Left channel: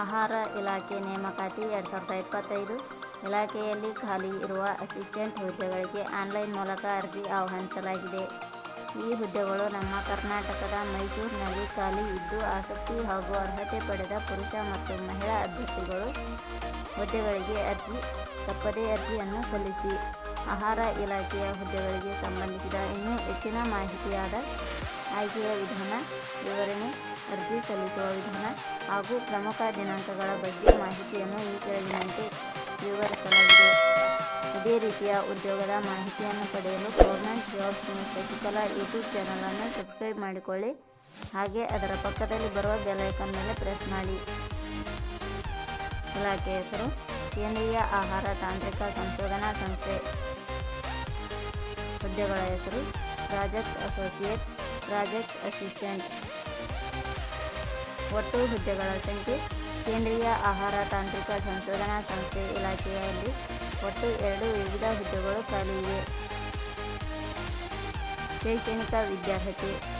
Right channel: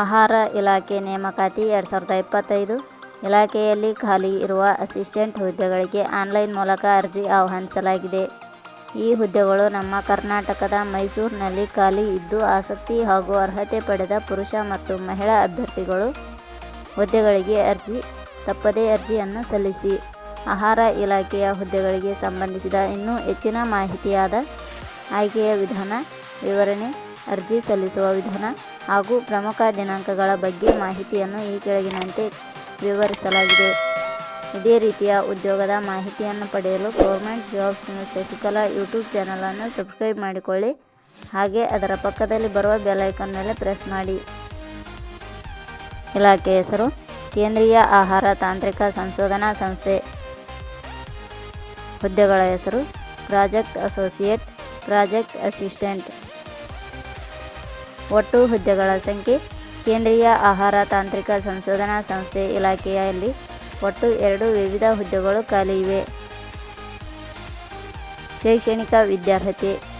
ಆಹಾರ ಇಲಾಖೆ ನೇಮಕಾತಿ ಎರಡು ಸಾವಿರದ ಇಪ್ಪತ್ತೈದು ಇಲಾಖೆಯಲ್ಲಿ ಖಾಲಿ ಇರುವ ಅಸಿಸ್ಟೆಂಟ್ ಹುದ್ದೆಗಳಿಗೆ ಆನ್ಲೈನ್ ಮೂಲಕ ಅರ್ಜಿ ಆಹ್ವಾನಿಸಲಾಗಿದೆ. ಈ ಹುದ್ದೆಗಳು ನಮ್ಮ ಕರ್ನಾಟಕದ ಮೈಸೂರಿನಲ್ಲಿ ಖಾಲಿ ಇದ್ದು, ಆಸಕ್ತಿ ಹಾಗೂ ಅರ್ಹತೆ ಪಡೆದ ಪುರುಷ ಮತ್ತು ಮಹಿಳಾ ಅಭ್ಯರ್ಥಿಗಳು ಹುದ್ದೆಗಳಿಗೆ ಅರ್ಜಿ ತಪ್ಪದೇ ಅರ್ಜಿಯನ್ನು ಸಲ್ಲಿಸಿ. ಆಹಾರ ಇಲಾಖೆಯ ಹುದ್ದೆಗಳಿಗೆ ಸಂಬಂಧಿಸಿದ ಇನ್ನೂ ಹೆಚ್ಚಿನ ಮಾಹಿತಿಯಾದ ಆಯ್ಕೆಯ ವಿಧಾನ, ವಿವರಣೆ, ಅರ್ಜಿ ಸಲ್ಲಿಸುವ ವಿಧಾನ ಹಾಗೂ ಪ್ರಮುಖ ದಿನಾಂಕಗಳ ಬಗ್ಗೆ ಮಾಹಿತಿಯನ್ನು ಈ ಕೆಳಗಿನಂತೆ ವಿವರಿಸಲಾಗಿದೆ. ಇದೇ ರೀತಿಯ ಉದ್ಯೋಗದ ಮಾಹಿತಿಯನ್ನು ಪಡೆಯಲು government jobs news Shashikala YouTube ಚಾನಲನ್ನು ಸಬ್ಸ್ಕ್ರೈಬ್ ಮಾಡಿಕೊಳ್ಳಿ ಹಾಗೆ ಅದರ ಪಕ್ಕದಲ್ಲಿ ಬರುವ ಬೆಲೈಕನ್ ಮೇಲೆ ಪ್ರೆಸ್ ಮಾಡಿ. ಇಲಾಖೆ ಹೆಸರು ಕೇಂದ್ರೀಯ ಆಹಾರ ತಾಂತ್ರಿಕ ಸಂಶೋಧನಾ ಸಂಸ್ಥೆ. ಹುದ್ದೆಗಳ ಹೆಸರು ಪ್ರಾಜೆಕ್ಟ್ ಅಸೋಸಿಯೇಟ್, ಪ್ರಾಜೆಕ್ಟ್ ಅಸಿಸ್ಟೆಂಟ್. ಒಟ್ಟು ಹುದ್ದೆಗಳ ಸಂಖ್ಯೆ ಕೇಂದ್ರೀಯ ಆಹಾರ ತಾಂತ್ರಿಕ ಸಂಶೋಧನಾ ಸಂಸ್ಥೆ ಇಲಾಖೆಯಲ್ಲಿ ಒಟ್ಟು ಎರಡು ವಿವಿಧ ಹುದ್ದೆಗಳು ಖಾಲಿ ಇವೆ. ಶೈಕ್ಷಣಿಕ ವಿದ್ಯಾರ್ಹತೆ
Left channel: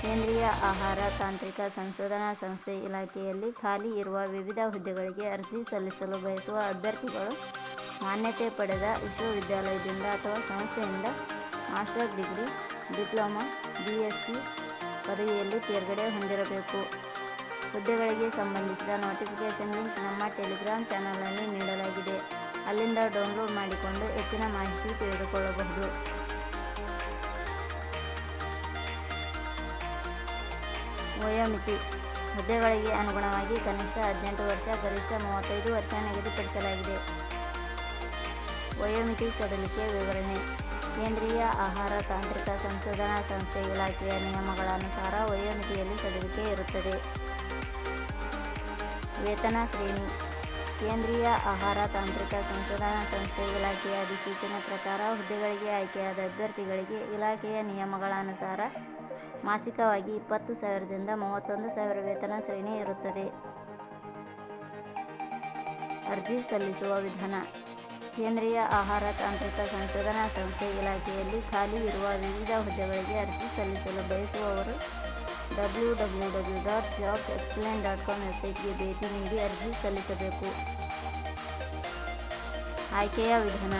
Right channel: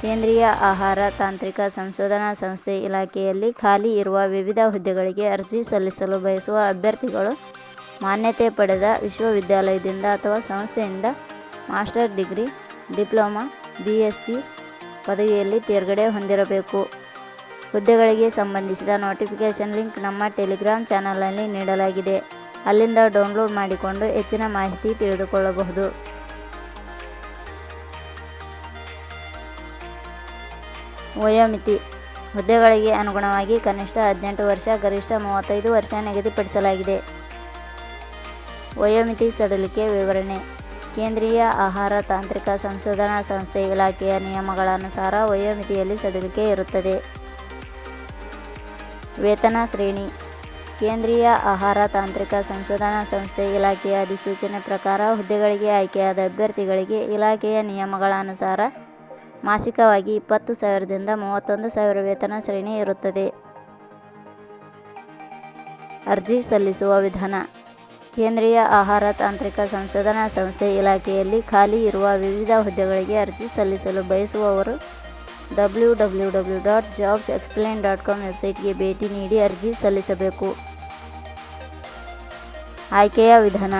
ಕೇಂದ್ರೀಯ ಆಹಾರ ತಾಂತ್ರಿಕ ಸಂಶೋಧನಾ ಸಂಸ್ಥೆ ಇಲಾಖೆಯಲ್ಲಿ ಖಾಲಿ ಇರುವ ವಿವಿಧ ಹುದ್ದೆಗಳಿಗೆ ಅರ್ಜಿ ಸಲ್ಲಿಸಲು ಬಯಸುವ ಅಭ್ಯರ್ಥಿಗಳು ಮಾನ್ಯತೆ ಪಡೆದ ವಿಶ್ವವಿದ್ಯಾಲಯದಿಂದ ಅಥವಾ ಸಂಸ್ಥೆಯಿಂದ ಮಾಸ್ಟರ್ ಡಿಗ್ರಿ, ಡಿಪ್ಲೊಮಾ, ಬಿಎಸ್ಸಿ ಪದವಿಯಲ್ಲಿ ತೇರ್ಗಡೆ ಹೊಂದಿರಬೇಕು. ಹುದ್ದೆಗಳಿಗೆ ಸಂಬಂಧಿಸಿದ ನೋಟಿಫಿಕೇಷನ್ ಲಿಂಕ್ ನಮ್ಮ ಟೆಲಿಗ್ರಾಮ್ ಚಾನಲ್ನಲ್ಲಿ ನೀಡಲಾಗಿದೆ. ಅಲ್ಲಿಂದ ಡೌನ್ಲೋಡ್ ಮಾಡಿಕೊಂಡು ಹೆಚ್ಚಿನ ಮಾಹಿತಿ ತಿಳಿದುಕೊಳ್ಳಬಹುದು. ವಯೋಮಿತಿ ಹುದ್ದೆಗಳಿಗೆ ಅನುಗುಣವಾಗಿ ಕನಿಷ್ಠ ಹದಿನೆಂಟು ವರ್ಷ, ಗರಿಷ್ಠ ಮೂವತ್ತೈದು ವರ್ಷ ನಿಗದಿಪಡಿಸಲಾಗಿದೆ. ವಯೋಮಿತಿ ಸಡಲಿಕೆ ವಿವರಣೆ ಕೇಂದ್ರೀಯ ಆಹಾರ ತಾಂತ್ರಿಕ ಸಂಶೋಧನಾ ಸಂಸ್ಥೆ ಇಲಾಖೆಯ ನಿಯಮಗಳನುಸಾರ ವಯೋಮಿತಿಯಲ್ಲಿ ಸಡಿಲಿಕೆ ಇರುತ್ತದೆ. ವೇತನ ಶ್ರೇಣಿ ಕೇಂದ್ರೀಯ ಆಹಾರ ತಾಂತ್ರಿಕ ಸಂಶೋಧನಾ ಸಂಸ್ಥೆ ಇಲಾಖೆಯ ಅಧಿಸೂಚನೆ ಪ್ರಕಾರ ಹುದ್ದೆಗಳಿಗೆ ಆಯ್ಕೆಯಾದ ಅಭ್ಯರ್ಥಿಗಳಿಗೆ ಇಲಾಖೆಯ ನಿಯಮಗಳ ಅನುಸಾರ ಮಾಸಿಕವಾಗಿ ಇಪ್ಪತ್ತು ಸಾವಿರದಿಂದ ಮೂವತ್ತೊಂದು ಸಾವಿರ ವೇತನ ಶ್ರೇಣಿ ಇರುತ್ತದೆ. ಅರ್ಜಿ ಸಲ್ಲಿಸುವ ವಿಧಾನ ಕೇಂದ್ರೀಯ ಆಹಾರ ತಾಂತ್ರಿಕ ಸಂಶೋಧನಾ ಸಂಸ್ಥೆ ಇಲಾಖೆಯಲ್ಲಿ ಖಾಲಿ ಇರುವ ವಿವಿಧ ಹುದ್ದೆಗಳಿಗೆ ಅರ್ಜಿ ಸಲ್ಲಿಸಲು ಬಯಸುವವರು W W W dot jobs explain dot com ವೆಬ್ಸೈಟ್ಗೆ ಭೇಟಿ ನೀಡಿ ಅರ್ಜಿ ಸಲ್ಲಿಸಬೇಕು. ಆಯ್ಕೆಯ ವಿಧಾನ,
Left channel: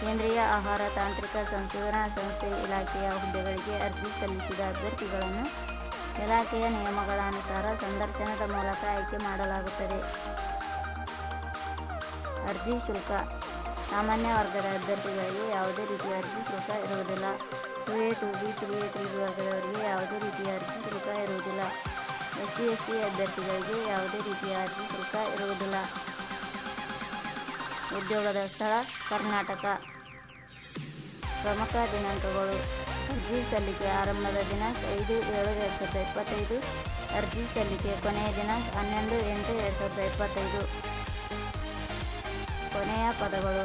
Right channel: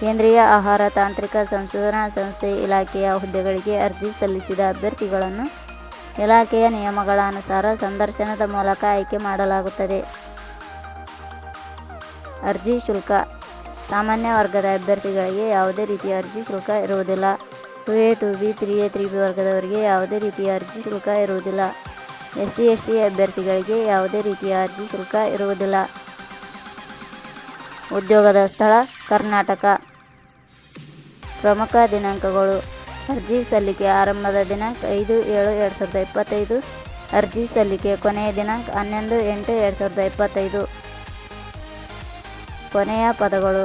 ಕೇಂದ್ರೀಯ ಆಹಾರ ತಾಂತ್ರಿಕ ಸಂಶೋಧನಾ ಸಂಸ್ಥೆ ಇಲಾಖೆಯ ಹುದ್ದೆಗಳಿಗೆ ಅರ್ಜಿ ಸಲ್ಲಿಸಿದ ಅಭ್ಯರ್ಥಿಗಳನ್ನು ಇಲಾಖೆಯ ನಿಯಮಗಳ ಅನುಸಾರ ಸಂದರ್ಶನದ ಮೂಲಕ ಆಯ್ಕೆ ಮಾಡಲಾಗುತ್ತದೆ. ಅರ್ಜಿ ಶುಲ್ಕ, ಸಾಮಾನ್ಯ ವರ್ಗದ ಅಭ್ಯರ್ಥಿಗಳಿಗೆ ಯಾವುದೇ ರೀತಿಯ ಅರ್ಜಿ ಶುಲ್ಕ ಇರುವುದಿಲ್ಲ. Two A, two B, three A, three B ವರ್ಗದವರಿಗೆ ಯಾವುದೇ ರೀತಿಯ ಅರ್ಜಿ ಶುಲ್ಕ ಇರುವುದಿಲ್ಲ. ಎಸ್ ಸಿ ಎಸ್ ಟಿ ಅಭ್ಯರ್ಥಿಗಳಿಗೆ ಯಾವುದೇ ರೀತಿಯ ಅರ್ಜಿ ಶುಲ್ಕ ಇರುವುದಿಲ್ಲ. ಉದ್ಯೋಗದ ಸ್ಥಳ ಕರ್ನಾಟಕ. ಪ್ರಮುಖ ದಿನಾಂಕಗಳು ಅರ್ಜಿ ಸಲ್ಲಿಕೆ ಆರಂಭದ ದಿನಾಂಕ ಐದು ಏಳು ಎರಡು ಸಾವಿರದ ಇಪ್ಪತ್ತೈದು. ಅರ್ಜಿ ಸಲ್ಲಿಕೆ ಕೊನೆಯ ದಿನಾಂಕ ಹನ್ನೊಂದು ಎಂಟು ಎರಡು ಸಾವಿರದ ಇಪ್ಪತ್ತೈದು. ಕೊನೆಯ ಪದಗಳು